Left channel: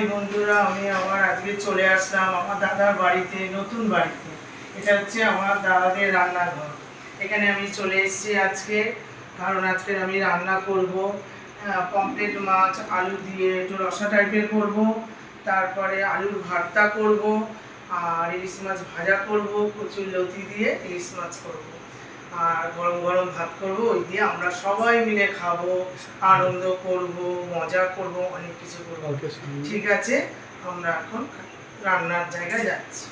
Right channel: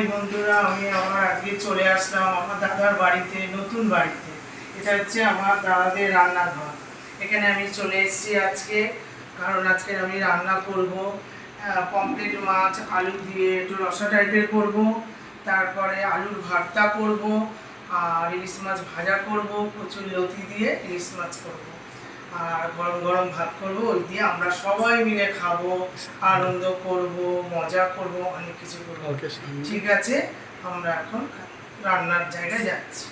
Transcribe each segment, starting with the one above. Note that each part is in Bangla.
হাই বন্ধুরা, আমি আমার আজকে চলে আসলাম আমার দাদার বাড়িতে, নতুন বাড়িতে। এটা হচ্ছে আমার দাদাদের রান্নাঘর। এখানে আমি চলে এসেছি আজকে, কারণ আজকে আমি রান্না করব পমফ্রেট মাছ আলু দিয়ে একটু রসা টাইপের করব, তারপরে আলুর ভর্তা করব, আর ইলিশ মাছ ভাজা করব, কচুর লতি দিয়ে ইলিশ মাছ করব, আর গরম গরম ভাত করব। ওই দিয়ে আমরা সবাই মিলে খাবো, আনন্দ করব, মজা করব, অনেক কিছু করব। ঠিক আছে, আমরা এখন রান্নার জায়গায় যাচ্ছি।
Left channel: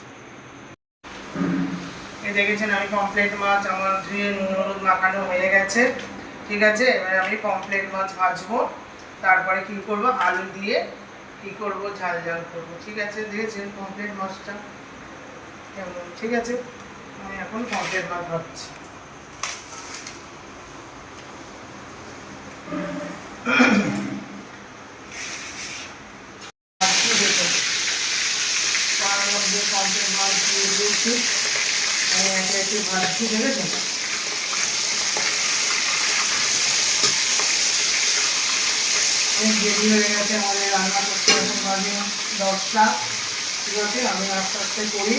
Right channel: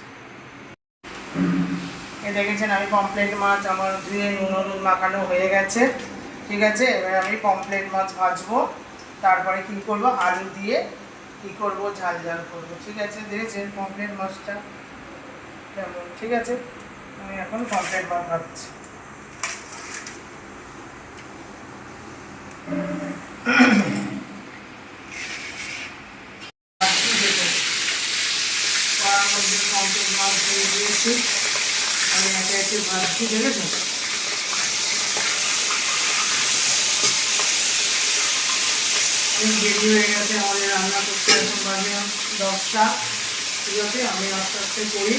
এই দেখেছেন আমি পমফ্রেট মাছ আমার ধুয়ে নুন হলুদ মাখানো হয়ে গেছে। ঠিক আছে, এবার আমি পমফ্রেট মাছ ভাজবো, তারপরে কি করব, আলু দিয়ে কি করব, ঝাল ঝাল করব। ঠিক আছে, দেখেছেন পমফ্রেট মাছটা কেমন। ঠিক আছে, আমি এখন পমফ্রেট মাছ ভাজছি। তার মধ্যে পমফ্রেট মাছ দিয়ে দিয়েছি, আমি একে একে ভাজছি। দেখেছেন দেরি হয়ে গেছে আমাদের রান্না করতে, বাজে 10টা। ঠিক আছে, আমি আস্তে আস্তে করি,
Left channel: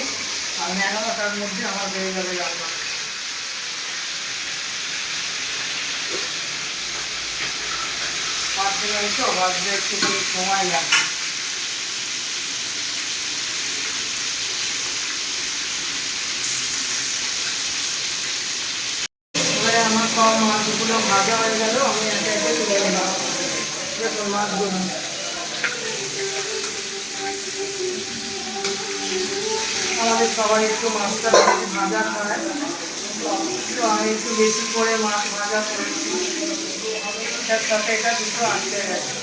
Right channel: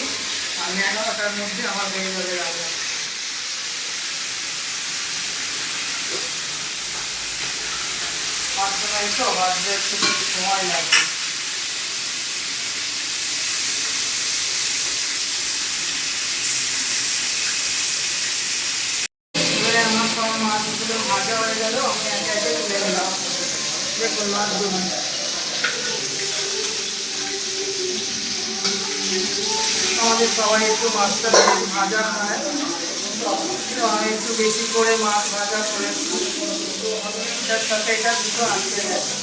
আমি 11টার মধ্যে আমার বেড়ে যাবে রান্না। ভাজতে পারি তো, ভাজতে একটু সময় লাগবে। এবারে আমার সব মাছগুলো ভাজা হয়ে গেল, আমি একে একে তুলে নিলাম। দেখুন মাছগুলো আমাদের সবাই একটু মাছটা বেশি ভাজা খায়, আমি একটু বেশি করে মাছ ভাজা করেছি। এটার সাথে এটা দুটো আনতে গেছে।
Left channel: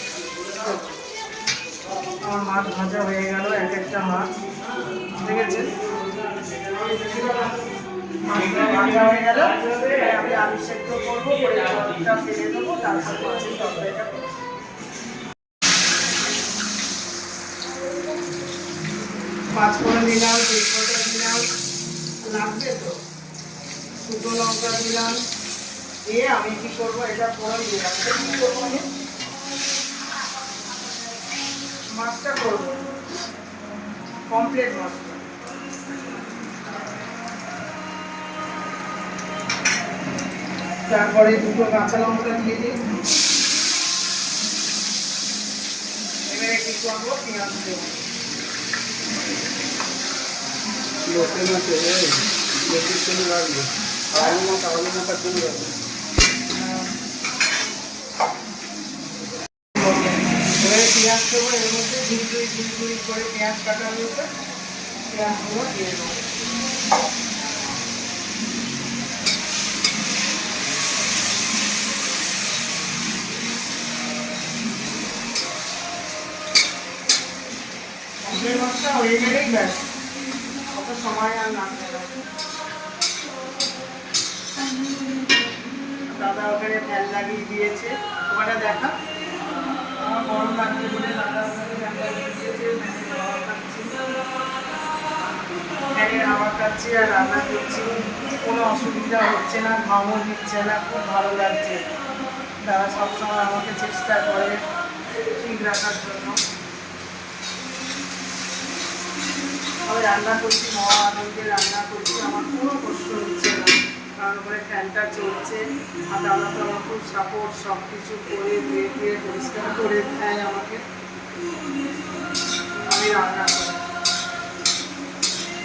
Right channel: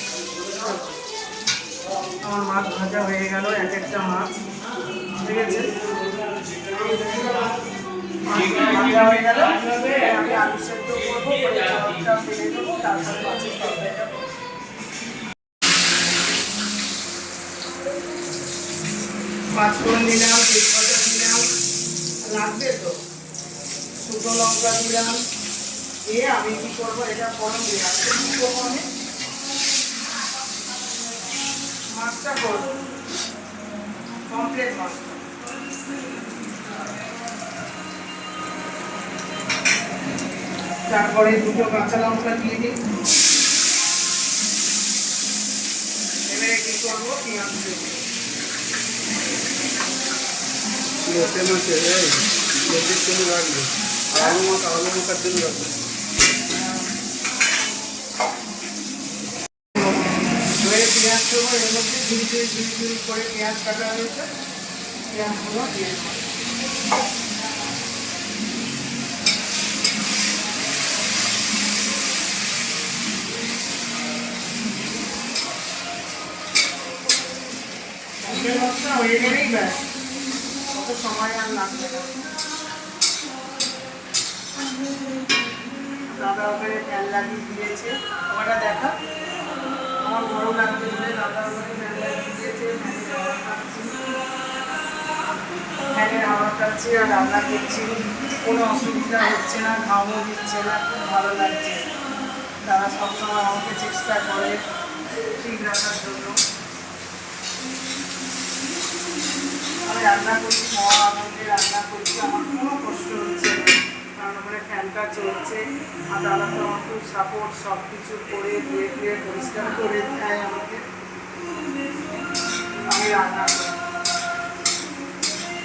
আমার মাছ ভাজা হয়ে গেল, এক একটা মাছ। ঠিক আছে, ভাজা হয়ে গেল, আমি আলু সেদ্ধ করবো, করে জলটা ফেলে দেবো, তারপরে মাছের তরকারিটা করবো। পাঁচ ফোড়ন দিলাম, তেজপাতা দিলাম, লাগবে তো, শুকনো লঙ্কা দিলাম, দিয়ে আমি কি করবো, এটা ফোড়ন দিলাম। কি করবো, আমি মাছটা করবো, পমফ্রেট মাছটা। তারপরে দুটো কাঁচা লঙ্কা দিয়ে দিই। এবারে কি করবো, পেঁয়াজ দেবো। লোটে মাছে লোটের জন্য রাখবে, আলু মাখার জন্য রাখবে। এবারে পেঁয়াজ দেবো, এর মধ্যে ঝুড়ি করে পেঁয়াজ কাটা রয়েছে, পেঁয়াজগুলো দিয়ে দেবো। মশলা হয়ে গেলেই ব্যাস, কত সময় আর লাগবে না। দাদা ওখানে ফ্যান লাগিয়ে দিয়েছে, ওটা দেখা আমার গরম লাগছে বলে দাদা ওখানে ফ্যান লাগিয়ে দিয়েছে, ফ্যানের হাওয়া খাচ্ছি আর রান্না করছি, কোনো অসুবিধা হচ্ছে না, ঘামও দিচ্ছে না, খুব ভালো লাগছে। দাদা সবসময় আমাকে চেষ্টা করে ঠিক রাখার জন্য। আমি রান্না করছি, মহা আনন্দে রান্না করছি, আমার কোনো কষ্ট হচ্ছে না, কারণ ওপরে ফ্যানটা চলছে। আর দাদা তো আমার খুব সাপোর্ট, সব কিছু করে ধুয়ে ধুয়ে পরিষ্কার করে দেয় আমাকে, আমি রান্না করি।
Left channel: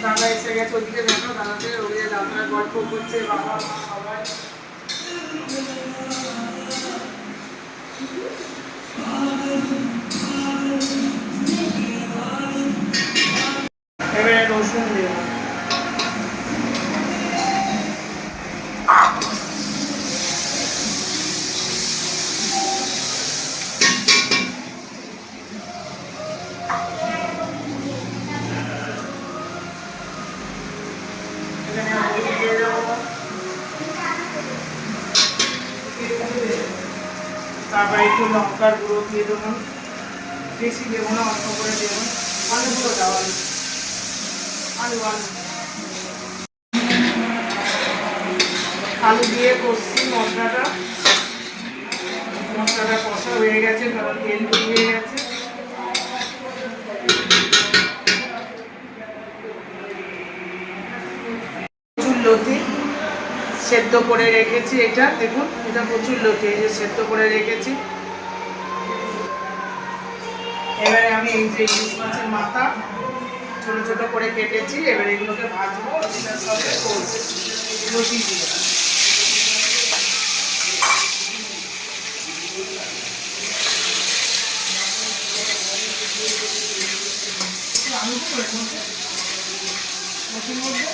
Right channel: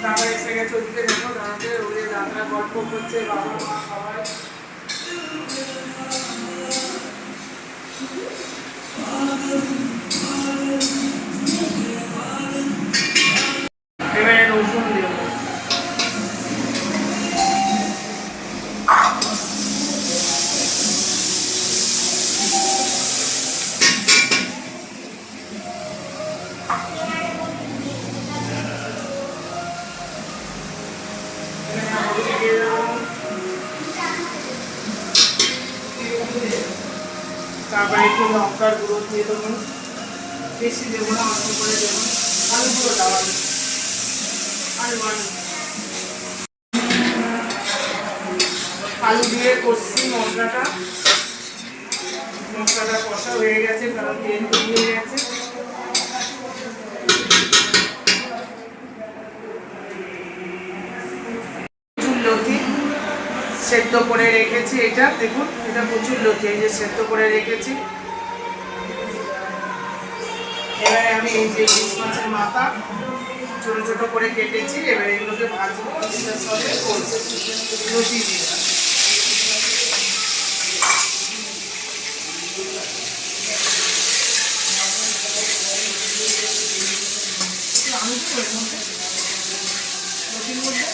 দাদা এসে গেছে, ওদিকে দেখো দাদাদের ওদিকে দাদারা গল্প করছে, বাবা মা সবাই। এবারে রসুন দেবো। এখানে হলুদ দিয়ে দেবো, তারপরে একটু লঙ্কার গুঁড়ো দিয়ে দেবো, বেশি দেবো না, অল্প করে দেবো। আলুগুলো দাও, আলু আলু আলু দিয়ে কষছি মশলাটা। মশলাটা কষা হয়ে গেছে, কারণ তেল বেরিয়ে গেছে। সেদ্ধ করে রেখেছি। এটা দেখুন, এটা প্রচুর লতি, এই যে সেদ্ধ করে রেখেছি। এবারে আমি এই যে ইলিশ মাছের মাথা ছোট ছোট করে কেটেছি, এবারে এর মধ্যে ভাজবো এটার সাথে লতি দিয়ে। আমি কি করবো লতির মধ্যে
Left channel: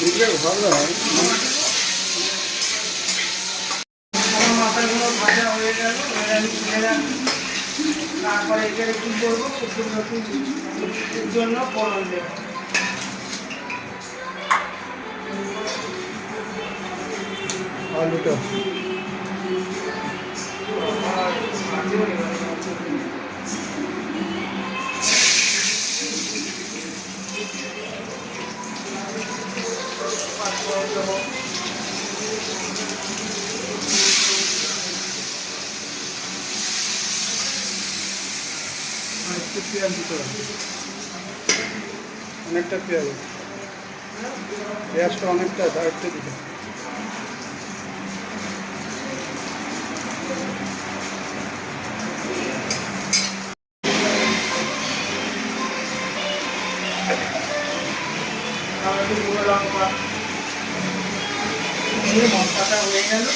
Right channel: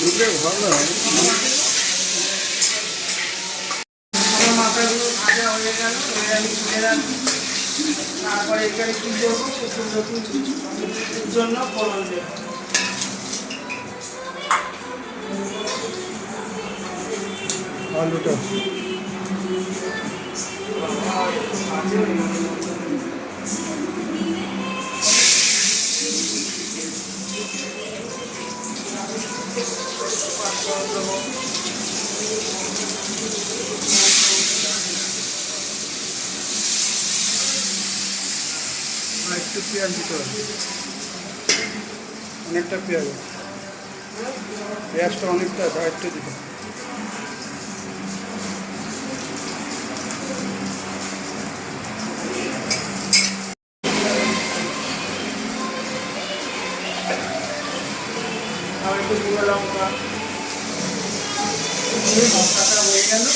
দুধে ভালো হয়। মাথাগুলো ভাজা হয়ে গেল, এবার আমি তুলে রাখি। তারপরে এখানে কি করবো, কিছু নতুন জন্য ফোড়ন দেবো। আলুটা একটু পেঁয়াজ দিতে হবে, অনেকটা পেঁয়াজটা অনেকটা দায়িত্ব দিতে হবে। আর একটু গুঁড়ো লঙ্কা, মশলাটা হয়ে গেল।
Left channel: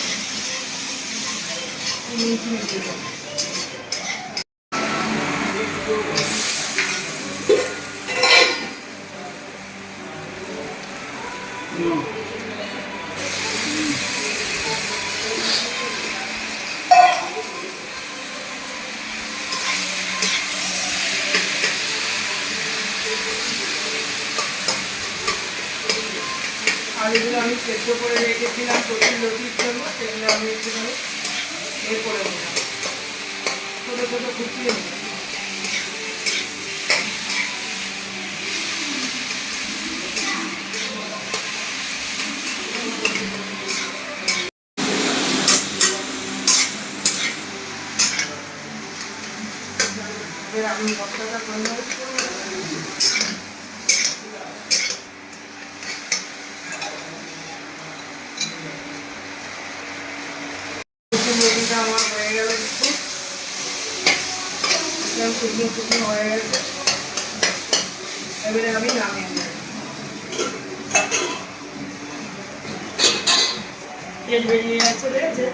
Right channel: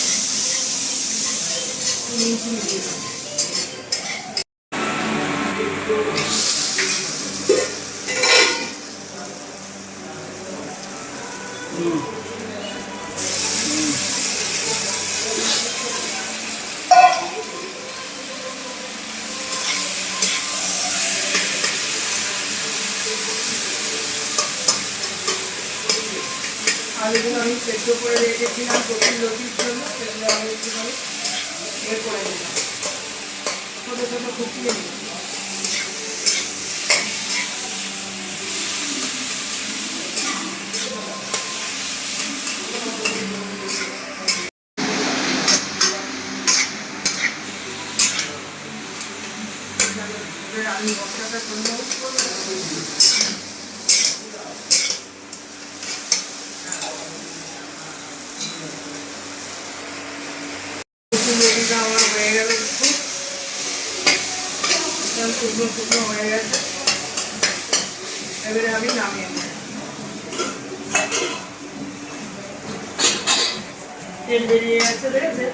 আলুগুলো আমি সেদ্ধ করে রেখেছিলাম প্রচুর লতির জন্য, সেগুলো আমি একটুখানি এ করে নিলাম, ছোটো ছোটো কুচিয়ে নিলাম। আমি মশলাটা সুন্দর লতিটা আমার হয়ে গেল, শুকনো শুকনো হয়ে গেছে। এবারে আমি নামিয়ে নেব। তেল বেরিয়ে গেছে, দেখেছে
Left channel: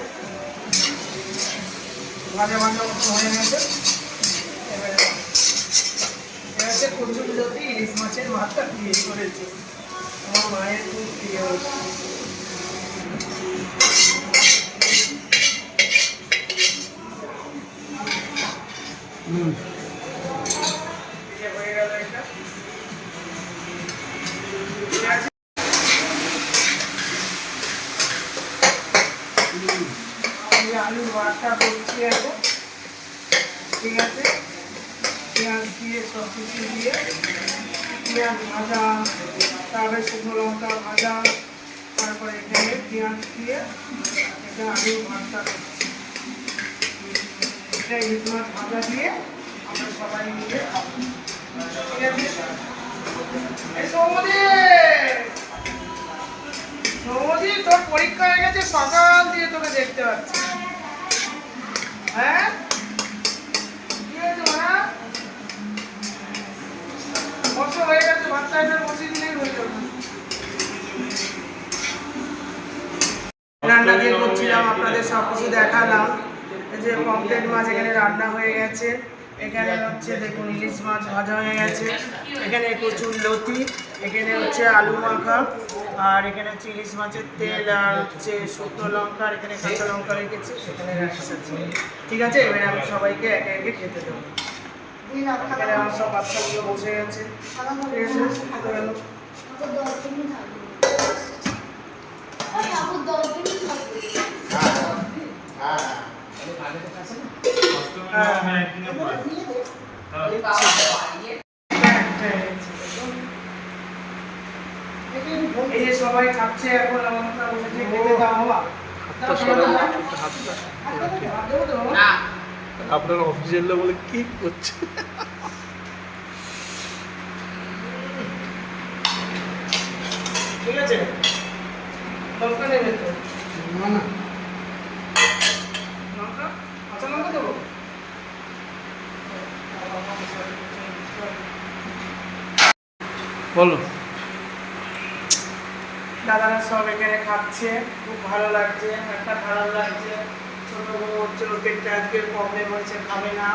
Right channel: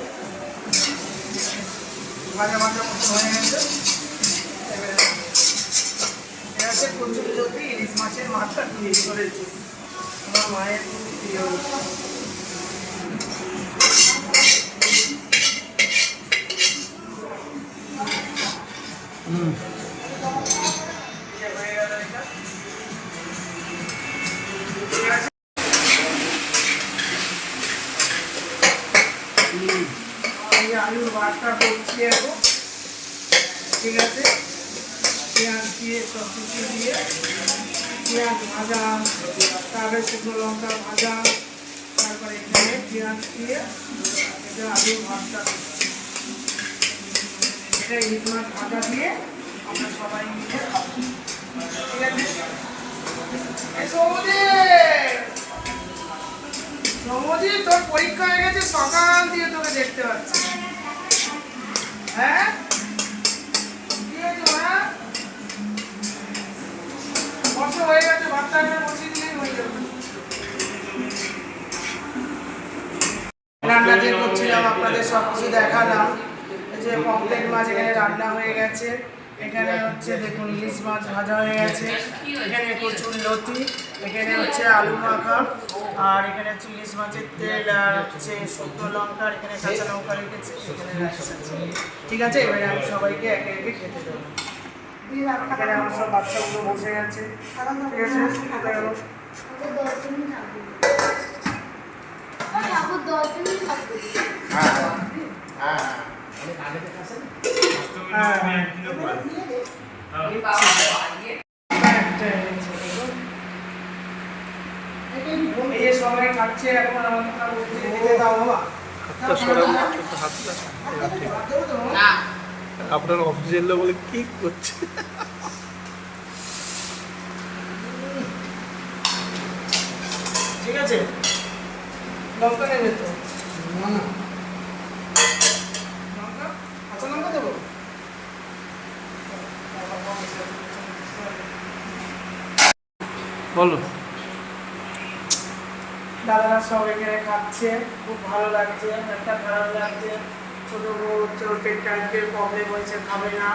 ভাজা ভাজা মতো হয়ে গেছে। এবারে প্রচুর লতি ইলিশ মাছের মাথা দিয়ে করেছি, আমার মায়ের খুব প্রিয়। আলুর ভাতটা করছি এখন, ঠিক আছে। পেঁয়াজ দিয়ে সব কিছু দিয়ে, পেঁয়াজ ভাজা, তারপরে শুকনো লঙ্কা ভাজা, তারপরে এখানে পেঁয়াজ দিয়ে এটা আলুর ভাতটা করছি। এটা ইলিশ মাছ ভাজা দিয়ে আমরা সবাই মিলে খাবো, ঠিক আছে। সৌমদি তোর পরীক্ষা হয়ে গেছে, সকাল দিয়ে তোকে দেখতে পাচ্ছি। হ্যাঁ কি হয়েছে মা? বসে হয়ে গেছে, ভাতটা বসিয়ে দিলেই হয়ে যাবে। রান্না যে করছিলাম আপনাদের সব কিছু দেখালাম। এই যে পমফ্রেট মাছ এখানে রান্না হয়ে গেছে, এখানে হচ্ছে দেখুন ইলিশ মাছ ভাজা হয়ে গেছে, এখানে প্রচুর লতি, এখানে হচ্ছে আলু মাখা, আর এখানে হচ্ছে ইলিশ মাছের তেল, আর হচ্ছে শুকনো লঙ্কা, আর এখানে কাঁচা লঙ্কা রেখেছি, এখানে রাইস আছে। ঠিক আছে, এবারে আমি সবাইকে একে একে খেতে দেবো। এখানে আমার সব বাচ্চাগুলো বসে গেছে, ঠিক আছে। এই যে সবাই খাচ্ছে এখন, আপনার অফিসের লোক বলে কি করছে? ঠিক আছে? লঙ্কা নেবে তো? না না লঙ্কা? কাঁচা লঙ্কা দেবো? বলো। দাদারা সব এখানে খাচ্ছে, খুব ভালো লাগছে, একটা খারাপ লাগছে। ছোট বউ হচ্ছে ওর পেটটা আজকে প্রবলেম হয়েছে, খাবে না।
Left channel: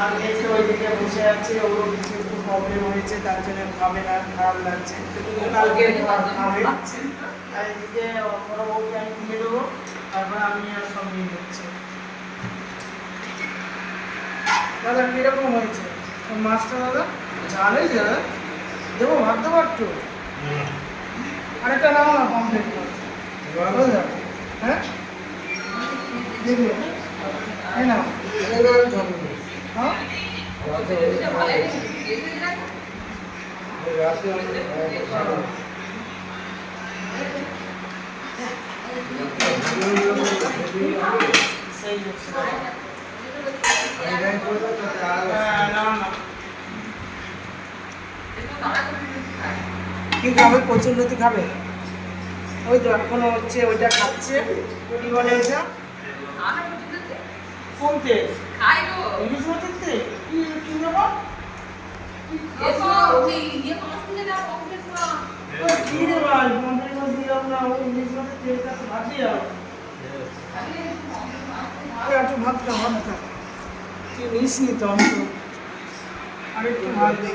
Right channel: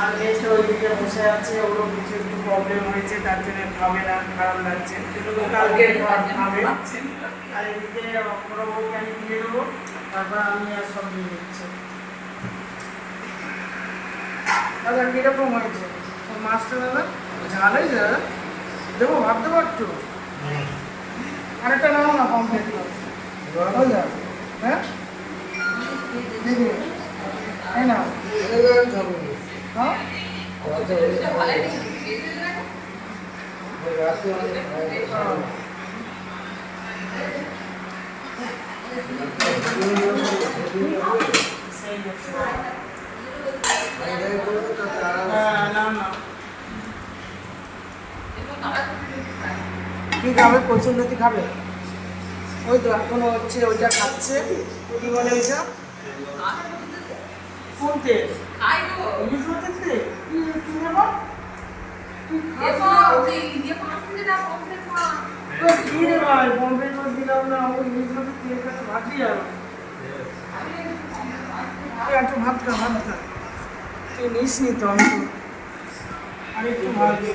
আর মেয়েটা ওইদিকে বসে আছে, ওরও কিছু একটু প্রবলেম হয়েছে, তার জন্য খাবে না, খারাপ লাগছে। কালকে খাবে। আর এদিকে বড় বউকে আমি দিয়ে দেবো, তারপর আমি আর সব নিয়ে নিচ্ছি। দাদা কিরকম হয়েছে ওই মাছটা দাদা? ঝাল হয়েছে দাদা? দেবো, ভাত দেবো একটু? আরেকটা নাও না, কমপ্লিট করে। হয়ে যাবে। হ্যাঁ, দেখবে এই নাও। হ্যাঁ, সেই হচ্ছে। হ্যাঁ, নাও না। কি খাবে? কচুরলতি খাবে? ওই তো এখনো হচ্ছে ওইটা খাচ্ছে। কি বলে ওইটা? কোন তেল? ইলিশ মাছের তেল? কি নেবো? কি রে ভাই, পমফ্রেট মাছ দিলাম না, ওই ইলিশ মাছের তেল কাছে ভাত দিয়ে যাবো। একটু ভাত খা, ভাত খা। তুই নিস নি তো, আমি তো আর একটু ভাত দিই।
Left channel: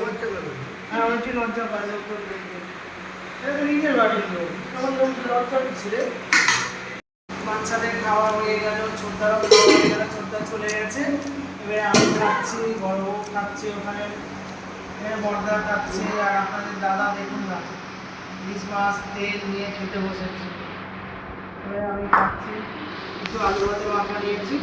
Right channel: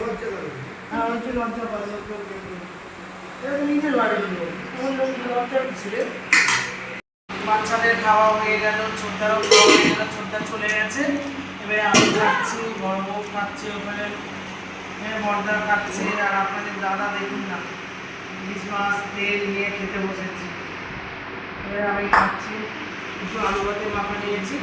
হ্যাঁ, আমি একটু লজ্জা পাই, লোক লোক দেখবে। এটা তো নিজের বাড়ির লোক, তখন লোক লজ্জা দিচ্ছে রে। বাচ্চাদের খাওয়া হয়ে গেল, ছোটদারও খাওয়া হয়ে গেল, ছোটদা চলে গেছে। এবারে আমি খাচ্ছি, বড় বউ খাচ্ছে, ওখানে মর্দা খাচ্ছে। আর আপনাদের দাদা দেখুন না, ইলিশ মাছ তেল নিয়ে খেতে বসেছি। এবারে আমি খাচ্ছি, একটু আলু ভাতে মাখা নিয়েছি।